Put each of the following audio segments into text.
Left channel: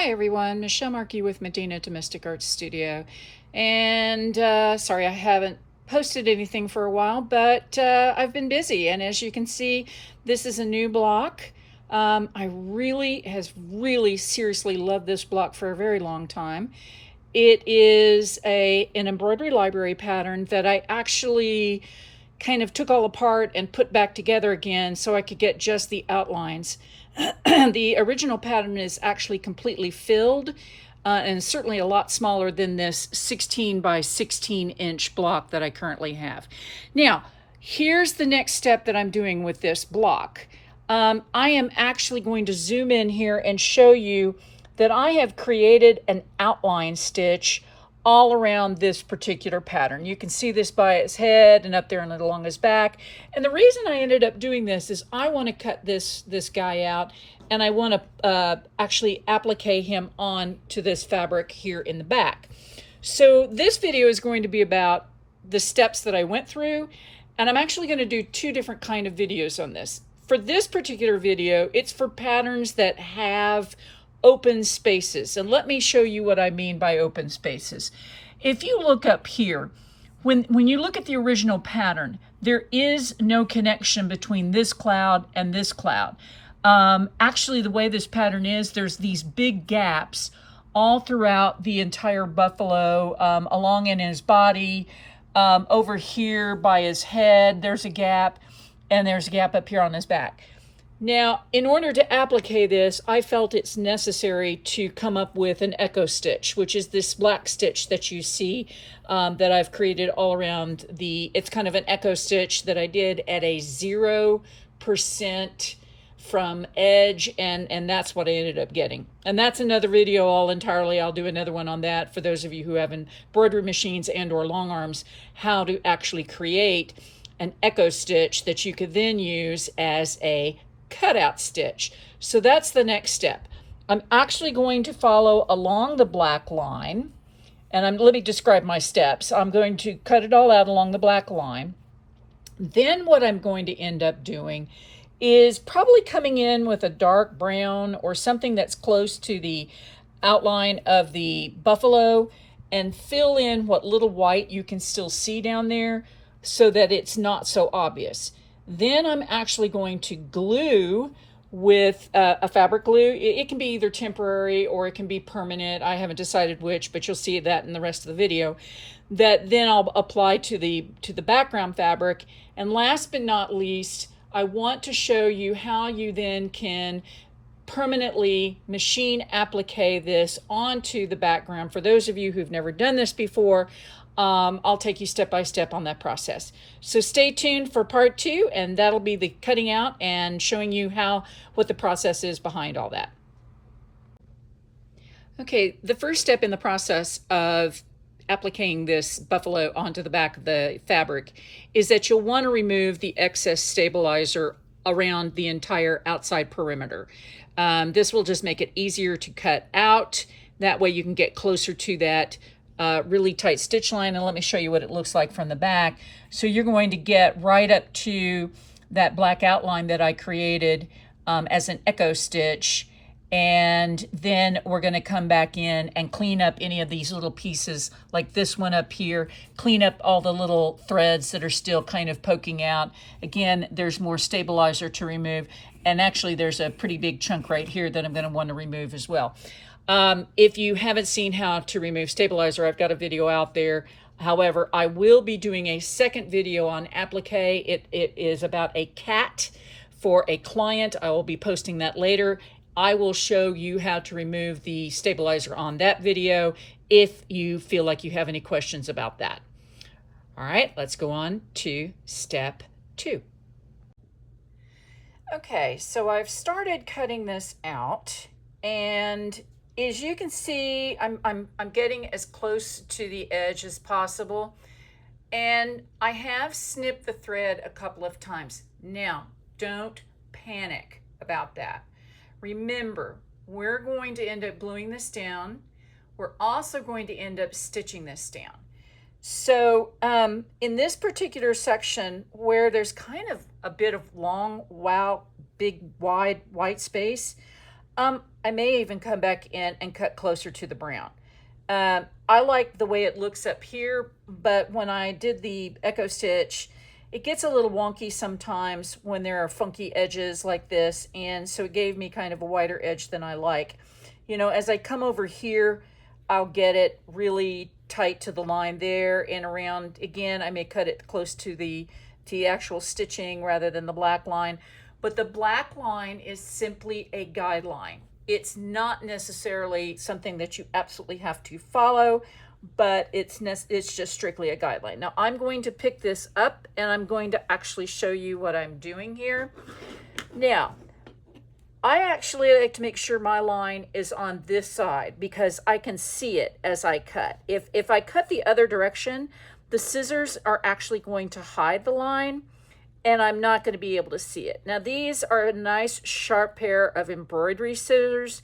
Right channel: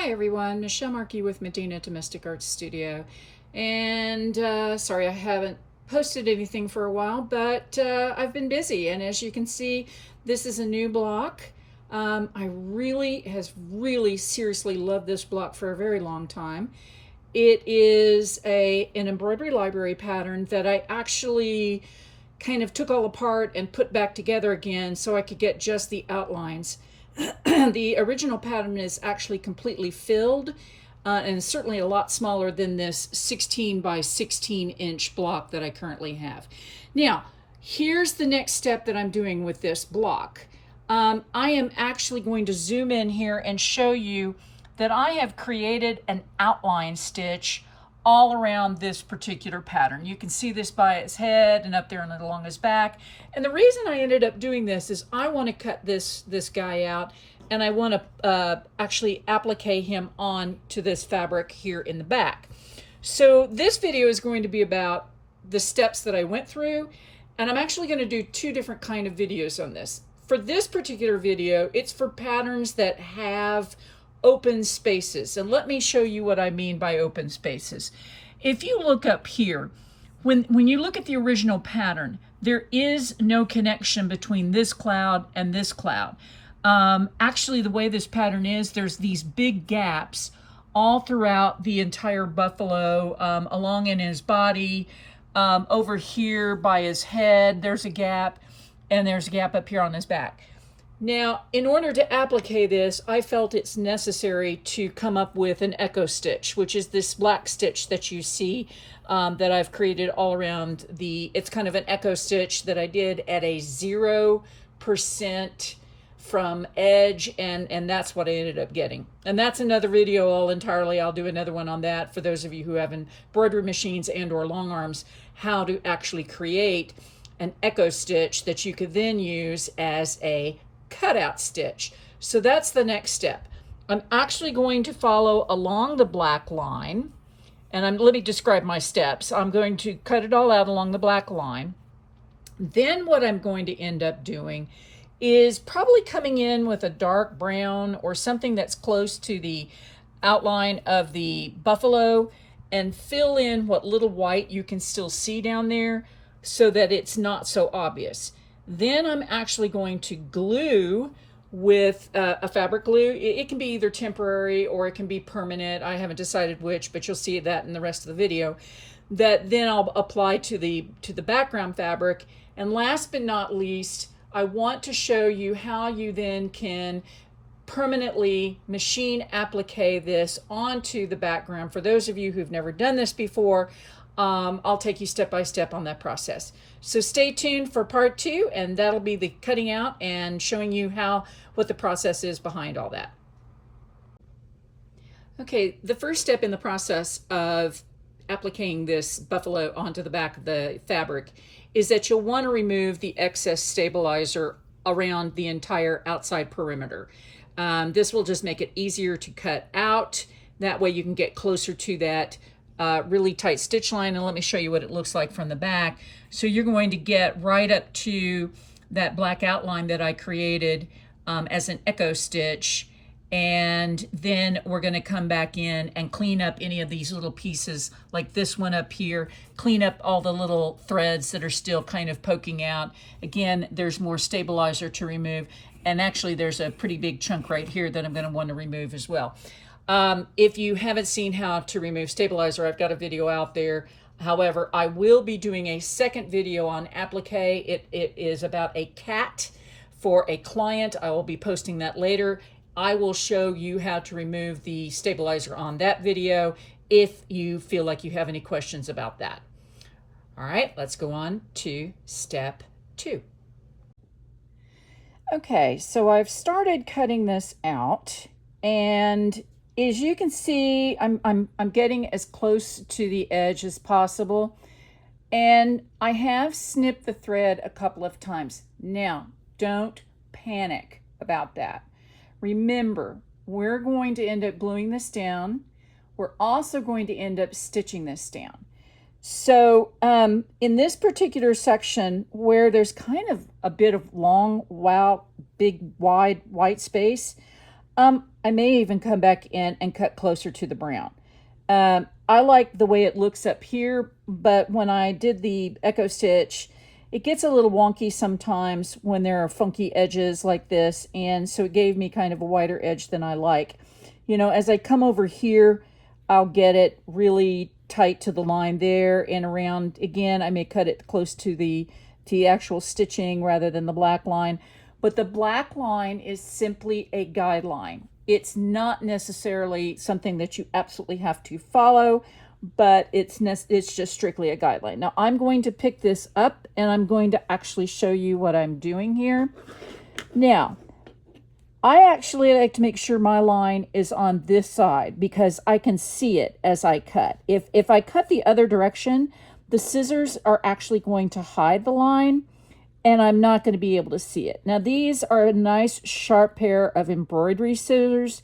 Hi everyone, Michelle Markey with Medina Domestic Arts Studio. And sorry I haven't posted anything for a while, but I've been busy. And as you can see, this is a new block. I really seriously loved this block for a very long time. It is an embroidery library pattern that I actually kind of took all apart and put back together again so I could get just the outlines. The original pattern is actually completely filled and certainly a lot smaller than this 16 by 16 inch block that I currently have. Now, here's the next step that I'm doing with this block. I am actually going to zoom in here and show you that I have created an outline stitch all around this particular pattern. You can see this by its head and up there and along his back. And the reason I ended up doing this is I want to cut this guy out, and I want to actually applique him on to this fabric here in the back. So this video is going to be about the steps that I went through, and I'm actually going to do two different kind of videos on this. For this particular video, it's for patterns that have open spaces. And let me show you what I mean by open spaces. If you look up here, when you look at the original pattern, there is no connection between this cloud and this cloud. Actually, the way this pattern is, there's these big gaps all throughout the entire buffalo, along in his body, over here by his head, there's a gap, and there's a gap up here on his back. Now, in order to applique this, I felt it's necessary to come up with an echo stitch, which is this black stitch that you see that I've created all around it's kind of an echo stitch that I did at a 0% from edge, and that's what I ended up getting. And that's another video all entirely. I'll do another one on that for those of you who have embroidery machines and or long arms, how to actually create an echo stitch that you could then use as a cutout stitch. So that's the next step. I'm actually going to follow along the black line, and let me describe my steps. I'm going to cut it all out along the black line. Then what I'm going to end up doing is probably coming in with a dark brown or something that's close to the outline of the buffalo and fill in what little white you can still see down there so that it's not so obvious. Then I'm actually going to glue with a fabric glue. It can be either temporary or it can be permanent. I haven't decided which, but you'll see that in the rest of the video. That then I'll apply to the background fabric. And last but not least, I want to show you how you then can permanently machine applique this onto the background. For those of you who've never done this before, I'll take you step by step on that process. So stay tuned for part 2, and that'll be the cutting out and showing you what the process is behind all that. Okay, the first step in the process of appliquing this buffalo onto the back of the fabric is that you'll want to remove the excess stabilizer around the entire outside perimeter. This will just make it easier to cut out. That way you can get closer to that really tight stitch line, and let me show you what it looks like from the back. So you're going to get right up to that black outline that I created as an echo stitch, and then we're going to come back in and clean up any of these little pieces like this one up here, clean up all the little threads that are still kind of poking out. Again, there's more stabilizer to remove, and actually there's a pretty big chunk right here that I'm going to want to remove as well. If you haven't seen how to remove stabilizer, I've got a video out there. However, I will be doing a second video on applique. It is about a cat for a client. I will be posting that later. I will show you how to remove the stabilizer on that video if you feel like you have any questions about that. All right, let's go on to step 2. Okay, so I've started cutting this out, and as you can see, I'm getting as close to the edge as possible, and I have snipped the thread a couple of times. Now, don't panic about that. Remember, we're going to end up gluing this down. We're also going to end up stitching this down. So in this particular section where there's kind of a bit of long, big, wide white space, I may even come back in and cut closer to the brown. I like the way it looks up here, but when I did the echo stitch, it gets a little wonky sometimes when there are funky edges like this, and so it gave me kind of a wider edge than I like. You know, as I come over here, I'll get it really tight to the line there and around. Again, I may cut it close to the actual stitching rather than the black line. But the black line is simply a guideline. It's not necessarily something that you absolutely have to follow, but it's just strictly a guideline. Now I'm going to pick this up and I'm going to actually show you what I'm doing here. Now, I actually like to make sure my line is on this side because I can see it as I cut. If I cut the other direction, the scissors are actually going to hide the line and I'm not going to be able to see it. Now these are a nice sharp pair of embroidery scissors,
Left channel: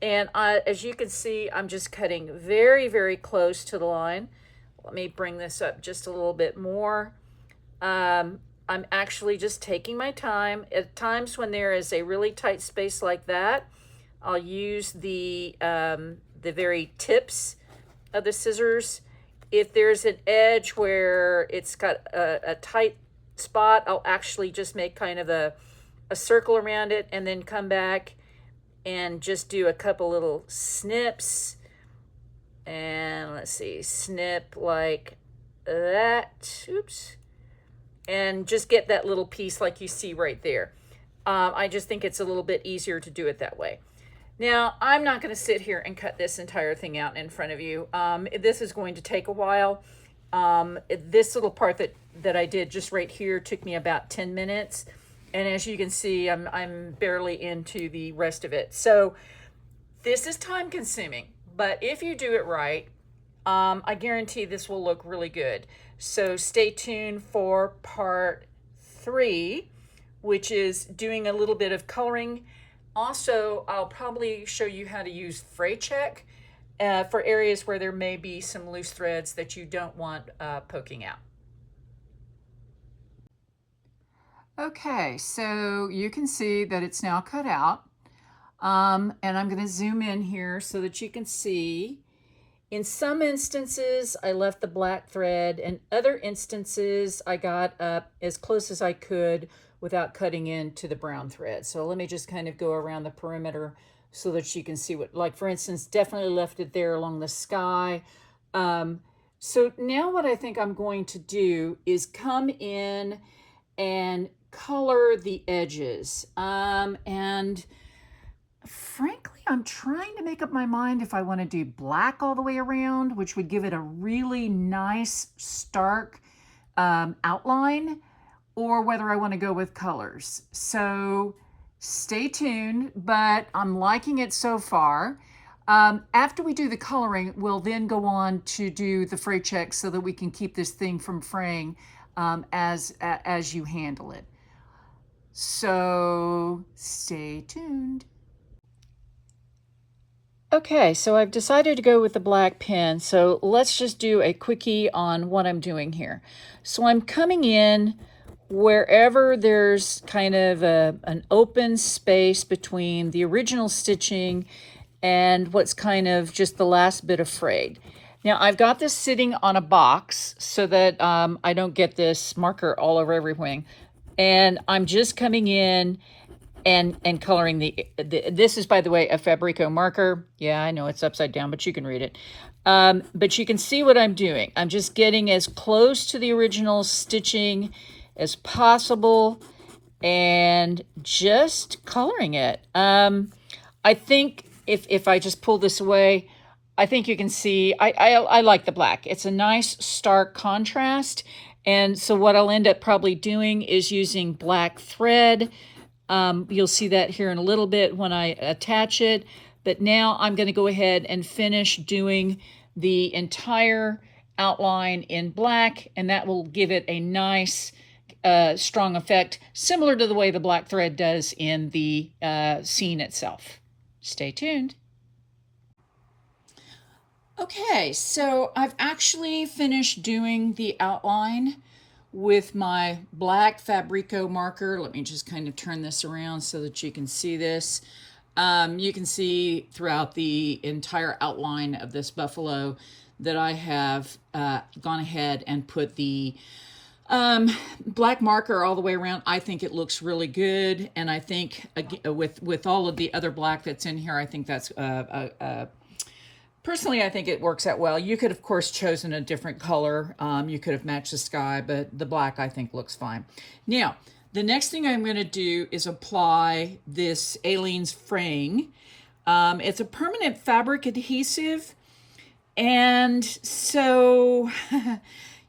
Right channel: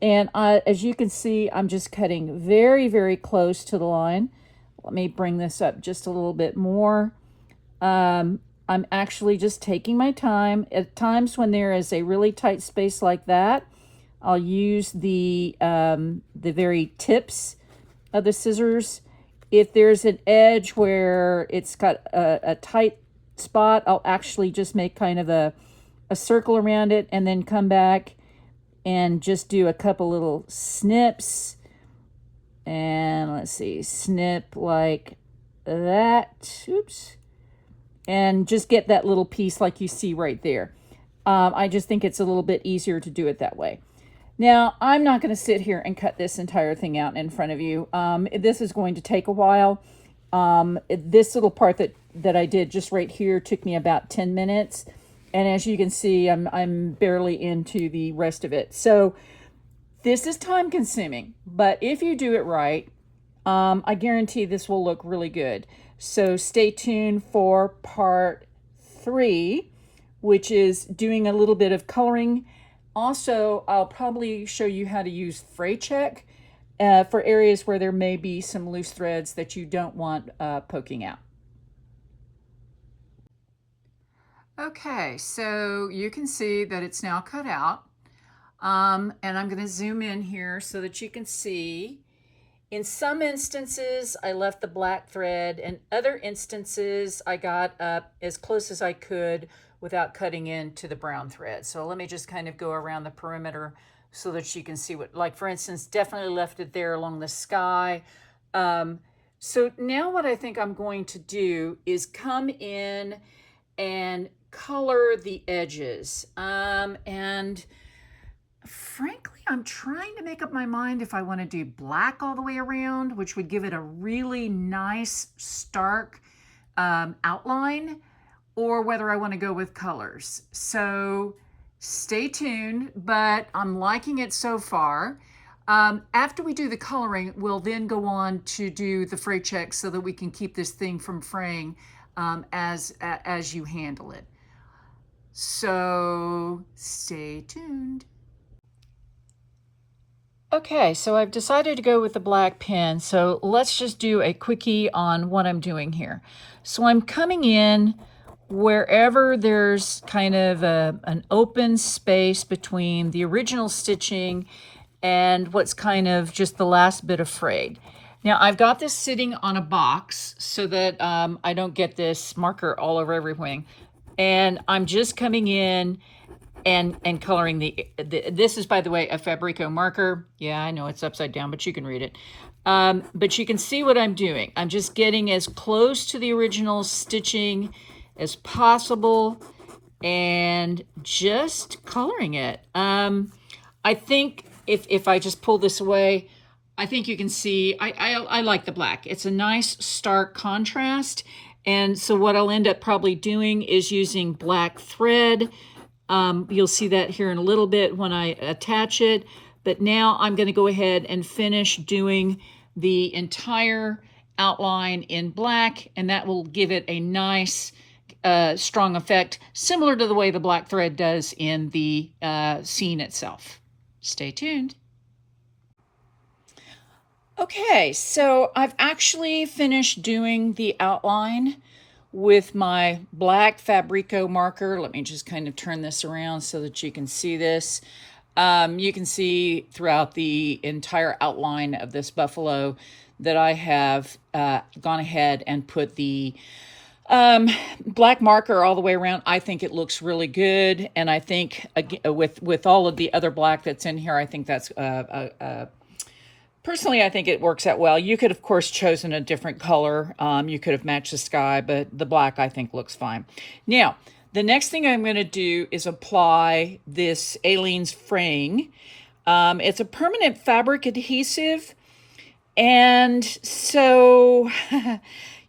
and as you can see, I'm just cutting very, very close to the line. Let me bring this up just a little bit more. I'm actually just taking my time. At times when there is a really tight space like that, I'll use the very tips of the scissors. If there's an edge where it's got a tight spot, I'll actually just make kind of a circle around it and then come back and just do a couple little snips. And let's see, snip like that. Oops. And just get that little piece like you see right there. I just think it's a little bit easier to do it that way. Now, I'm not going to sit here and cut this entire thing out in front of you. This is going to take a while. This little part that I did just right here took me about 10 minutes. And as you can see, I'm barely into the rest of it. So this is time consuming, but if you do it right, I guarantee this will look really good. So stay tuned for part 3, which is doing a little bit of coloring. Also, I'll probably show you how to use fray check for areas where there may be some loose threads that you don't want poking out. Okay, so you can see that it's now cut out. And I'm going to zoom in here so that you can see. In some instances, I left the black thread, and other instances, I got up as close as I could without cutting into the brown thread. So let me just kind of go around the perimeter so that you can see what, like for instance, definitely left it there along the sky. So now what I think I'm going to do is come in and color the edges. And frankly, I'm trying to make up my mind if I want to do black all the way around, which would give it a really nice, stark outline, or whether I want to go with colors. So stay tuned, but I'm liking it so far. After we do the coloring, we'll then go on to do the fray check so that we can keep this thing from fraying as you handle it. So stay tuned. Okay, so I've decided to go with the black pen, so let's just do a quickie on what I'm doing here. So I'm coming in wherever there's kind of an open space between the original stitching and what's kind of just the last bit of frayed. Now I've got this sitting on a box so that I don't get this marker all over everything. And I'm just coming in and coloring this is, by the way, a Fabrico marker. Yeah, I know it's upside down, but you can read it. But you can see what I'm doing. I'm just getting as close to the original stitching as possible and just coloring it. I think if I just pull this away, I think you can see, I like the black. It's a nice stark contrast. And so what I'll end up probably doing is using black thread. You'll see that here in a little bit when I attach it. But now I'm going to go ahead and finish doing the entire outline in black, and that will give it a nice, strong effect, similar to the way the black thread does in the scene itself. Stay tuned. Okay, so I've actually finished doing the outline with my black Fabrico marker. Let me just kind of turn this around so that you can see this. You can see throughout the entire outline of this buffalo that I have gone ahead and put the black marker all the way around. I think it looks really good, and I think with all of the other black that's in here, I think that's personally, I think it works out well. You could, of course, chosen a different color. You could have matched the sky, but the black I think looks fine. Now, the next thing I'm going to do is apply this Aleene's fraying. It's a permanent fabric adhesive, and so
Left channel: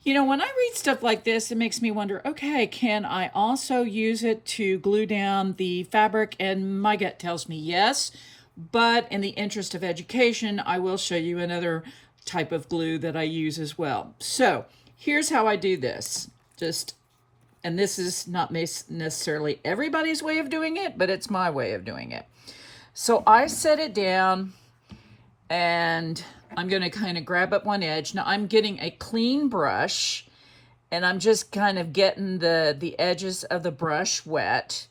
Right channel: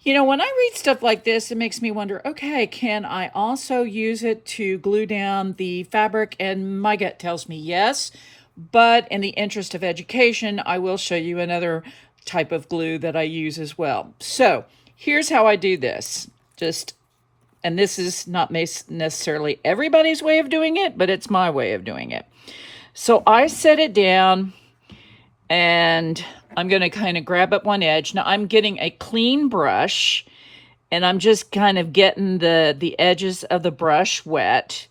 you know, when I read stuff like this, it makes me wonder, okay, can I also use it to glue down the fabric? And my gut tells me yes, but in the interest of education, I will show you another type of glue that I use as well. So here's how I do this. And this is not necessarily everybody's way of doing it, but it's my way of doing it. So I set it down, and I'm going to kind of grab up one edge. Now I'm getting a clean brush, and I'm just kind of getting the edges of the brush wet.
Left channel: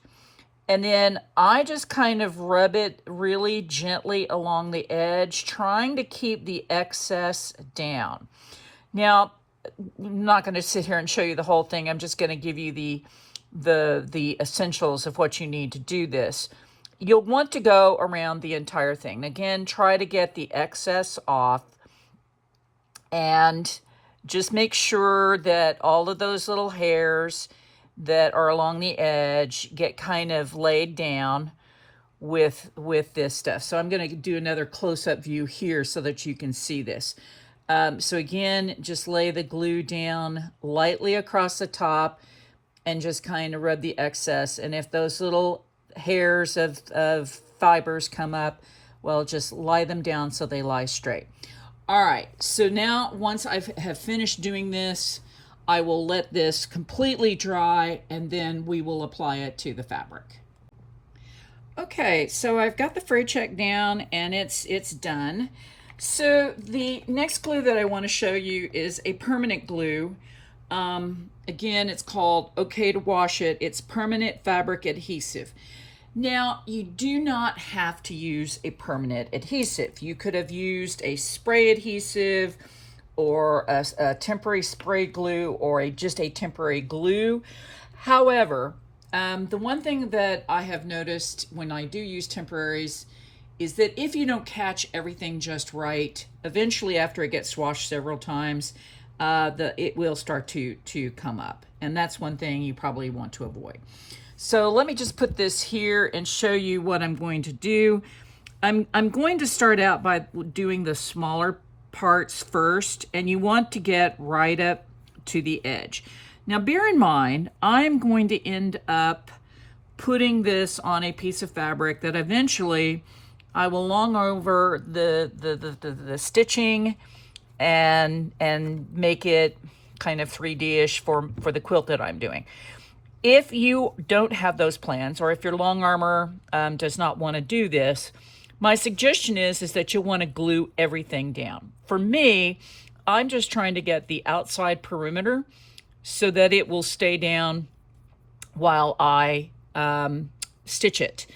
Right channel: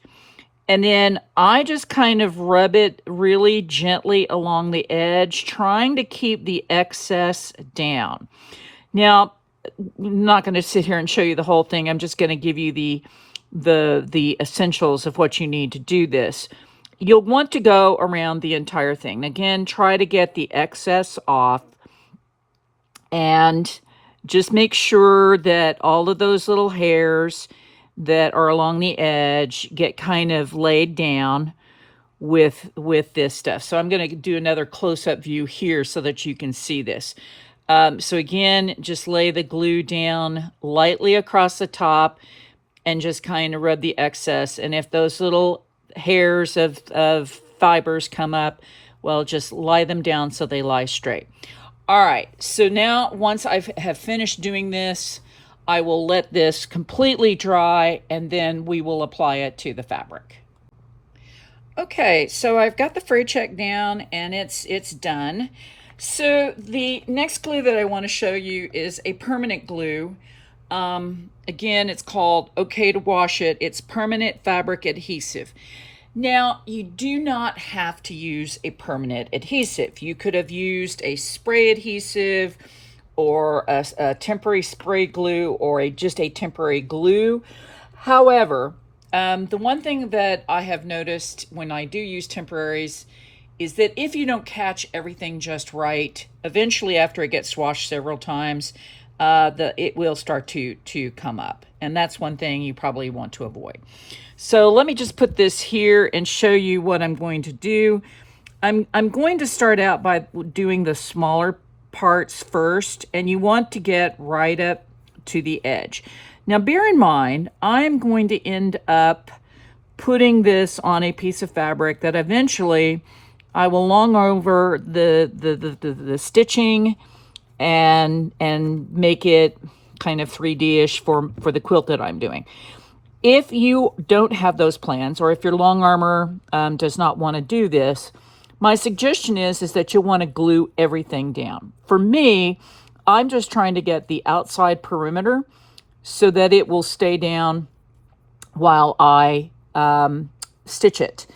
And then I just kind of rub it really gently along the edge, trying to keep the excess down. Now, I'm not going to sit here and show you the whole thing. I'm just going to give you the essentials of what you need to do this. You'll want to go around the entire thing. Again, try to get the excess off, and just make sure that all of those little hairs that are along the edge get kind of laid down with this stuff. So I'm going to do another close-up view here so that you can see this. So again, just lay the glue down lightly across the top and just kind of rub the excess. And if those little hairs of fibers come up, well, just lie them down so they lie straight. All right, so now once I have finished doing this, I will let this completely dry, and then we will apply it to the fabric. Okay, so I've got the fray check down, and it's done. So the next glue that I want to show you is a permanent glue. Again, it's called OK to Wash It. It's permanent fabric adhesive. Now, you do not have to use a permanent adhesive. You could have used a spray adhesive, or a temporary spray glue, or just a temporary glue. However, the one thing that I have noticed when I do use temporaries is that if you don't catch everything just right, eventually after it gets washed several times, it will start to come up. And that's one thing you probably want to avoid. So let me just put this here and show you what I'm going to do. I'm going to start out by doing the smaller parts first, and you want to get right up to the edge. Now bear in mind, I'm going to end up putting this on a piece of fabric that eventually I will long over the stitching and make it kind of 3D-ish for the quilt that I'm doing. If you don't have those plans, or if your long armor does not want to do this, my suggestion is that you'll want to glue everything down. For me, I'm just trying to get the outside perimeter so that it will stay down while I stitch it.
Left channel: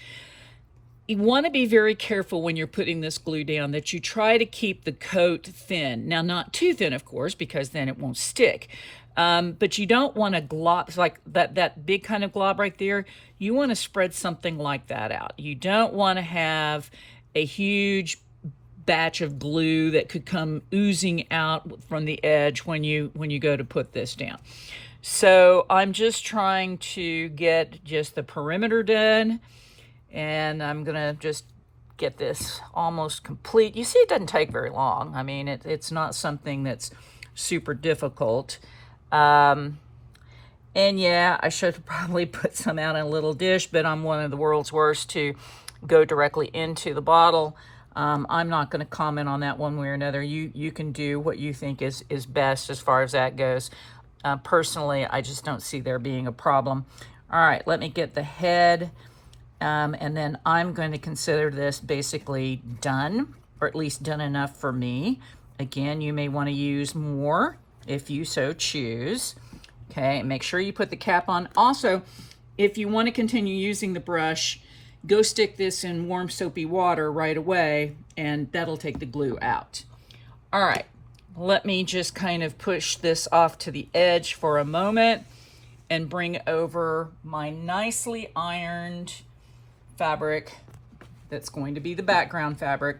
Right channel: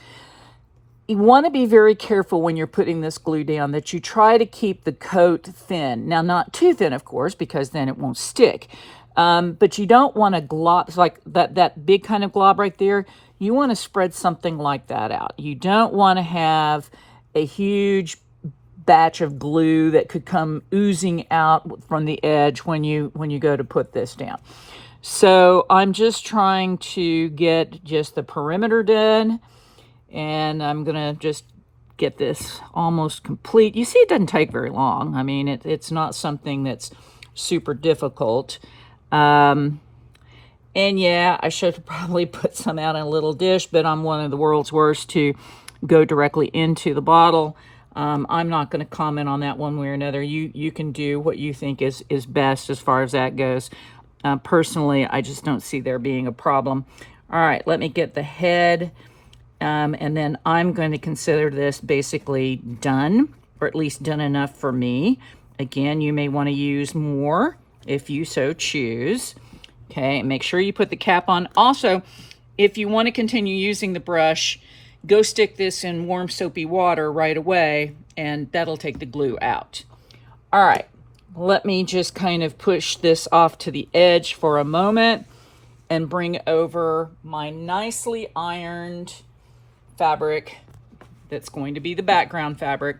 You want to be very careful when you're putting this glue down that you try to keep the coat thin. Now, not too thin, of course, because then it won't stick. But you don't want to glob, like that big kind of glob right there. You want to spread something like that out. You don't want to have a huge batch of glue that could come oozing out from the edge when you go to put this down. So I'm just trying to get just the perimeter done, and I'm gonna just get this almost complete. You see, it doesn't take very long. I mean, it's not something that's super difficult. And yeah, I should probably put some out in a little dish, but I'm one of the world's worst to go directly into the bottle. I'm not going to comment on that one way or another. You can do what you think is best as far as that goes. Personally, I just don't see there being a problem. All right, let me get the head, and then I'm going to consider this basically done, or at least done enough for me. Again, you may want to use more if you so choose. Okay, make sure you put the cap on. Also, if you want to continue using the brush, go stick this in warm soapy water right away, and that'll take the glue out. All right, let me just kind of push this off to the edge for a moment and bring over my nicely ironed fabric that's going to be the background fabric.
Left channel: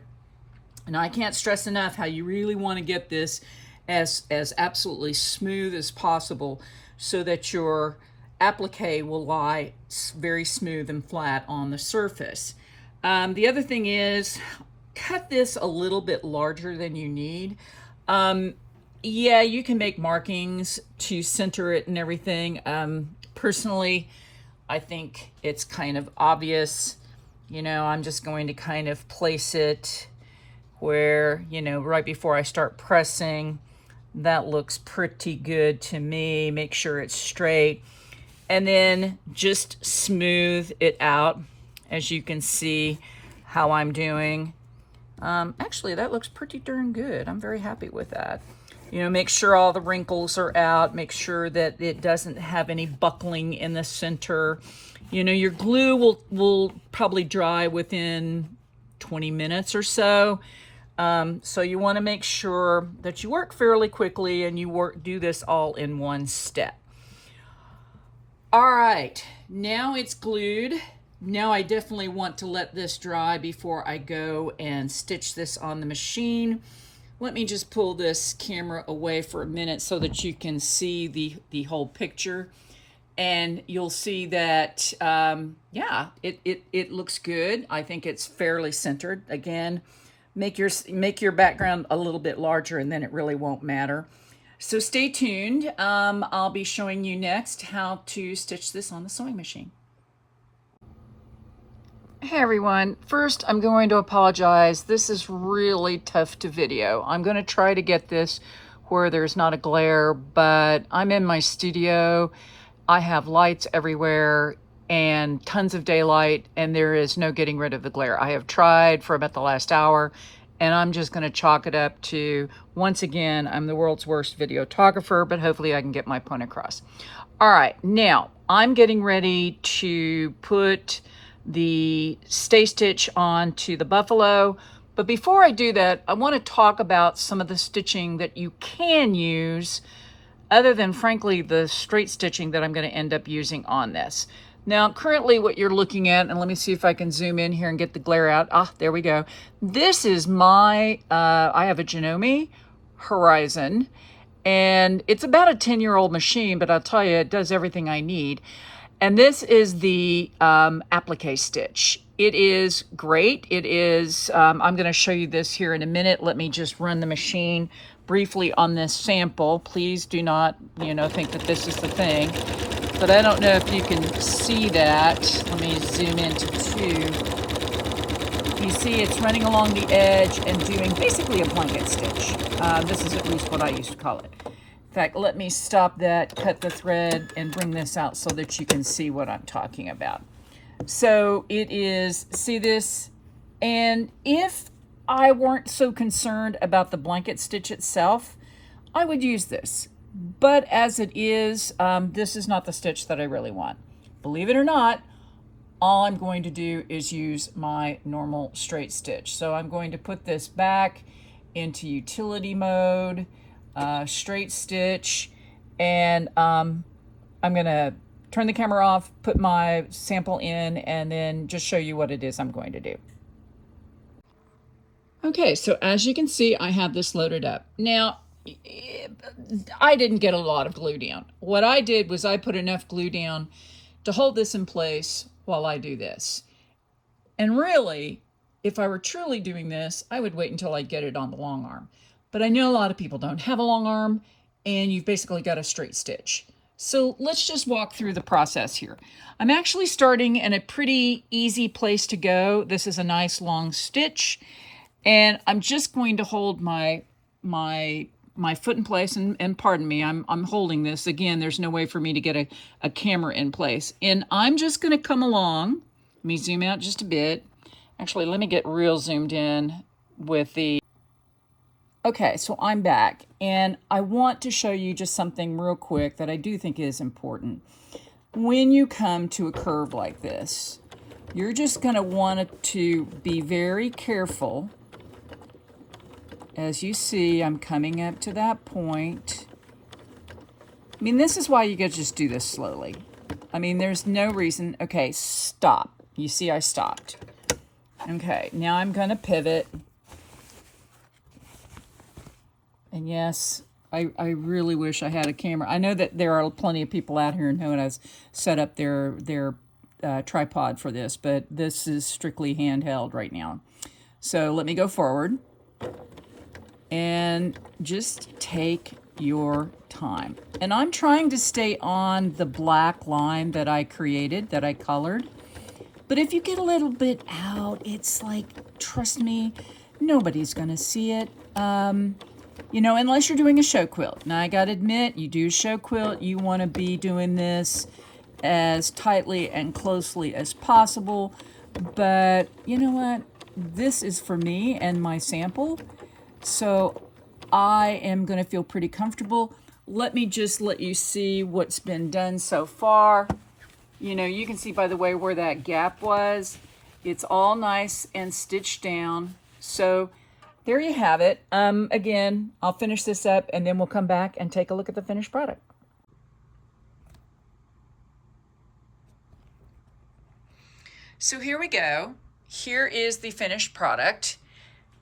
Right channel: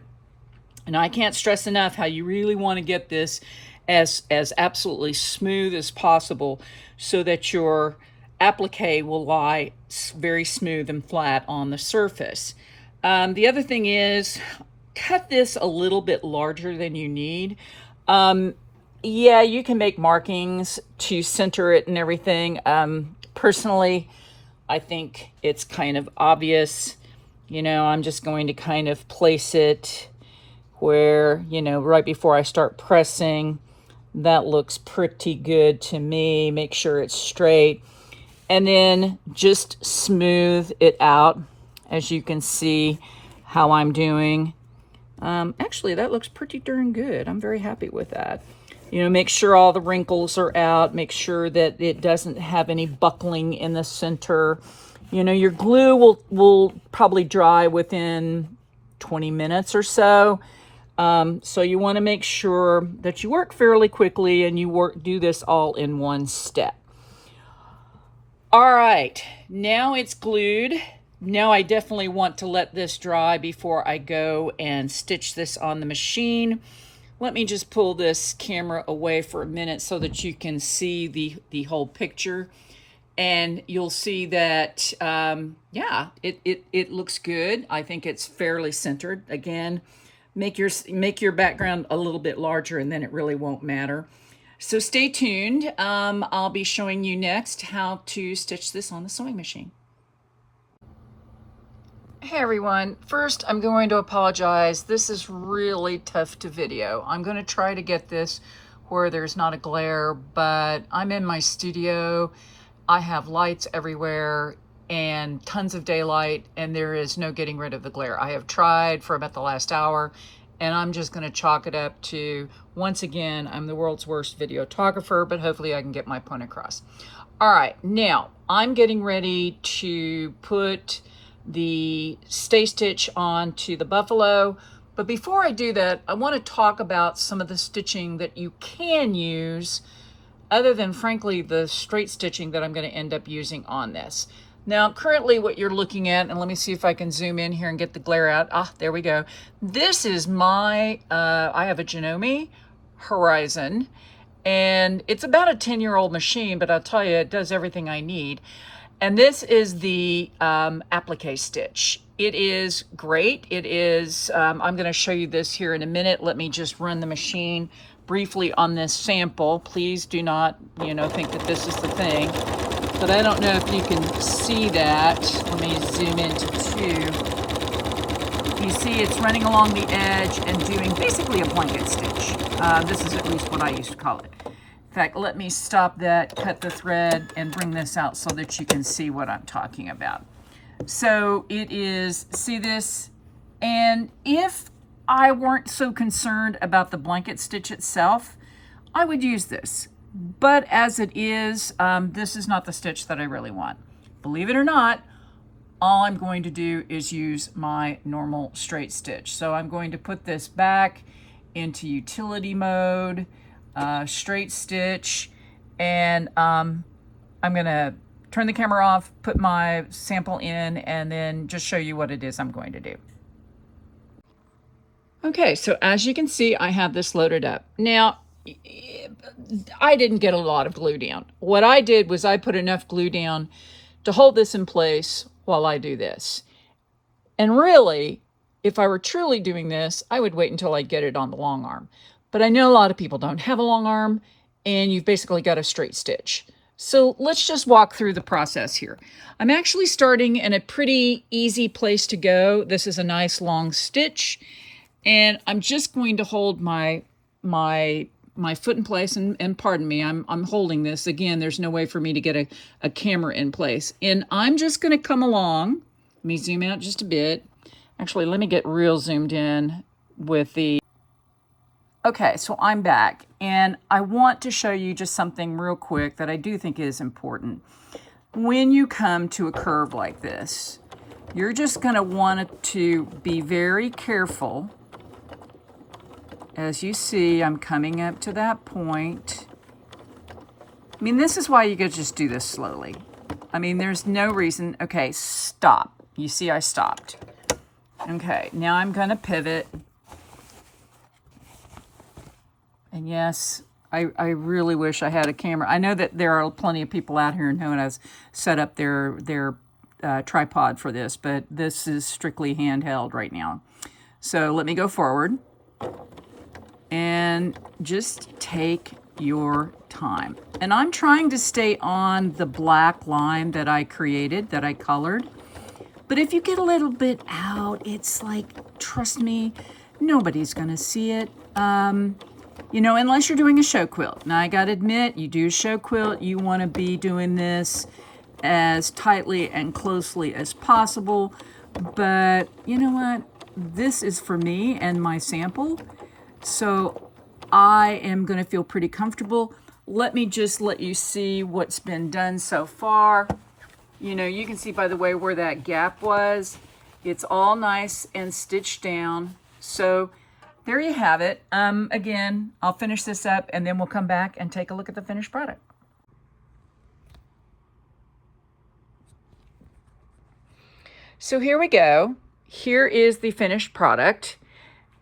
And I can't stress enough how you really want to get this as absolutely smooth as possible so that your applique will lie very smooth and flat on the surface. The other thing is, cut this a little bit larger than you need. Yeah, you can make markings to center it and everything. Personally, I think it's kind of obvious. You know, I'm just going to kind of place it where, you know, right before I start pressing. That looks pretty good to me. Make sure it's straight. And then just smooth it out, as you can see how I'm doing. Actually, that looks pretty darn good. I'm very happy with that. You know, make sure all the wrinkles are out. Make sure that it doesn't have any buckling in the center. You know, your glue will probably dry within 20 minutes or so. So you want to make sure that you work fairly quickly and you do this all in one step. All right, now it's glued. Now I definitely want to let this dry before I go and stitch this on the machine. Let me just pull this camera away for a minute so that you can see the whole picture. And you'll see that, yeah, it looks good. I think it's fairly centered. Again, make your background a little bit larger and then it really won't matter. So stay tuned. I'll be showing you next how to stitch this on the sewing machine. Hey everyone, first I'm going to apologize. This is really tough to video. I'm going to try to get this where there's not a glare, but I'm in my studio. I have lights everywhere and tons of daylight, and there is no getting rid of the glare. I have tried for about the last hour, and I'm just going to chalk it up to, once again, I'm the world's worst videographer, but hopefully I can get my point across. All right, now I'm getting ready to put the stay stitch onto the buffalo. But before I do that, I want to talk about some of the stitching that you can use other than, frankly, the straight stitching that I'm going to end up using on this. Now, currently what you're looking at, and let me see if I can zoom in here and get the glare out. Ah, there we go. This is my, I have a Janome Horizon, and it's about a 10-year-old machine, but I'll tell you, it does everything I need. And this is the applique stitch. It is great. It is, I'm going to show you this here in a minute. Let me just run the machine briefly on this sample. Please do not, you know, think that this is the thing. But I don't know if you can see that. Let me zoom into 2. You see it's running along the edge and doing basically a blanket stitch. This is at least what I used to call it. In fact, let me stop that, cut the thread, and bring this out so that you can see what I'm talking about. So it is, see this? And if I weren't so concerned about the blanket stitch itself, I would use this. But as it is, this is not the stitch that I really want. Believe it or not, all I'm going to do is use my normal straight stitch. So I'm going to put this back into utility mode, straight stitch, and I'm going to turn the camera off, put my sample in, and then just show you what it is I'm going to do. Okay, so as you can see, I have this loaded up. Now, I didn't get a lot of glue down. What I did was I put enough glue down to hold this in place while I do this. And really, if I were truly doing this, I would wait until I get it on the long arm. But I know a lot of people don't have a long arm, and you've basically got a straight stitch. So let's just walk through the process here. I'm actually starting in a pretty easy place to go. This is a nice long stitch, and I'm just going to hold my foot in place, and pardon me, I'm holding this. Again, there's no way for me to get a camera in place. And I'm just going to come along. Let me zoom out just a bit. Actually, let me get real zoomed in with the... Okay, so I'm back, and I want to show you just something real quick that I do think is important. When you come to a curve like this, You're just going to want to be very careful. As you see, I'm coming up to that point. I mean, this is why you could just do this slowly. I mean, there's no reason. Okay, stop. You see I stopped. Okay, now I'm going to pivot. And yes, I really wish I had a camera. I know that there are plenty of people out here who know how to set up their tripod for this, but this is strictly handheld right now. So let me go forward and just take your time. And I'm trying to stay on the black line that I created, that I colored. But if you get a little bit out, it's like, trust me, nobody's gonna see it. You know, unless you're doing a show quilt. Now I gotta admit, you do a show quilt, you wanna be doing this as tightly and closely as possible. But you know what? This is for me and my sample. So I am gonna feel pretty comfortable. Let me just let you see what's been done so far. You know, you can see by the way where that gap was. It's all nice and stitched down. So there you have it. Again, I'll finish this up and then we'll come back and take a look at the finished product. So here we go. Here is the finished product.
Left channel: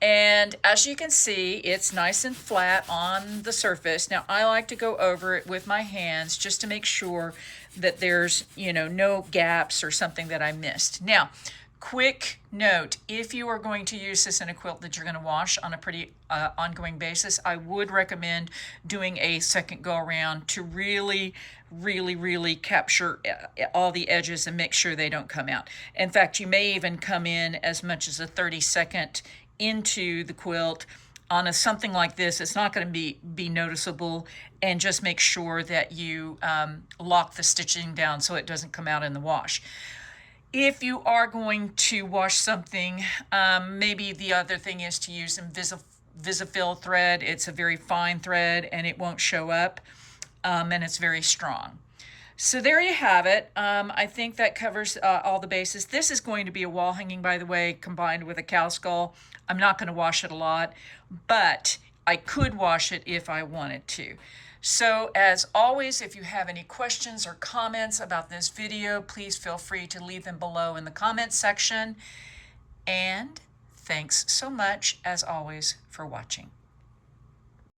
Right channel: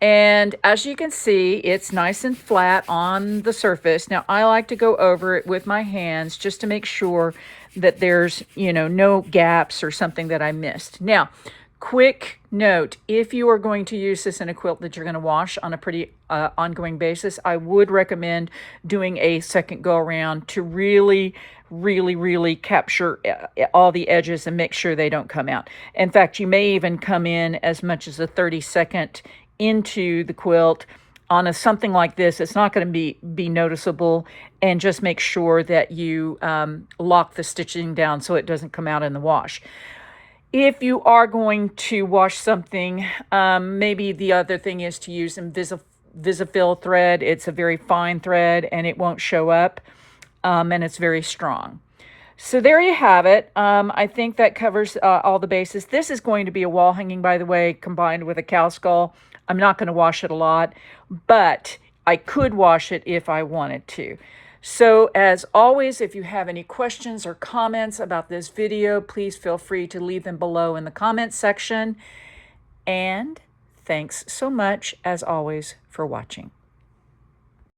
And as you can see, it's nice and flat on the surface. Now I like to go over it with my hands just to make sure that there's, you know, no gaps or something that I missed. Now, quick note, if you are going to use this in a quilt that you're going to wash on a pretty ongoing basis, I would recommend doing a second go around to really capture all the edges and make sure they don't come out. In fact, you may even come in as much as a 30-second into the quilt. On something like this, it's not going to be noticeable, and just make sure that you lock the stitching down so it doesn't come out in the wash. If you are going to wash something, maybe the other thing is to use Visifil thread. It's a very fine thread and it won't show up, and it's very strong. So there you have it. I think that covers all the bases. This is going to be a wall hanging, by the way, combined with a cow skull. I'm not going to wash it a lot, but I could wash it if I wanted to. So as always, if you have any questions or comments about this video, please feel free to leave them below in the comments section. And thanks so much, as always, for watching.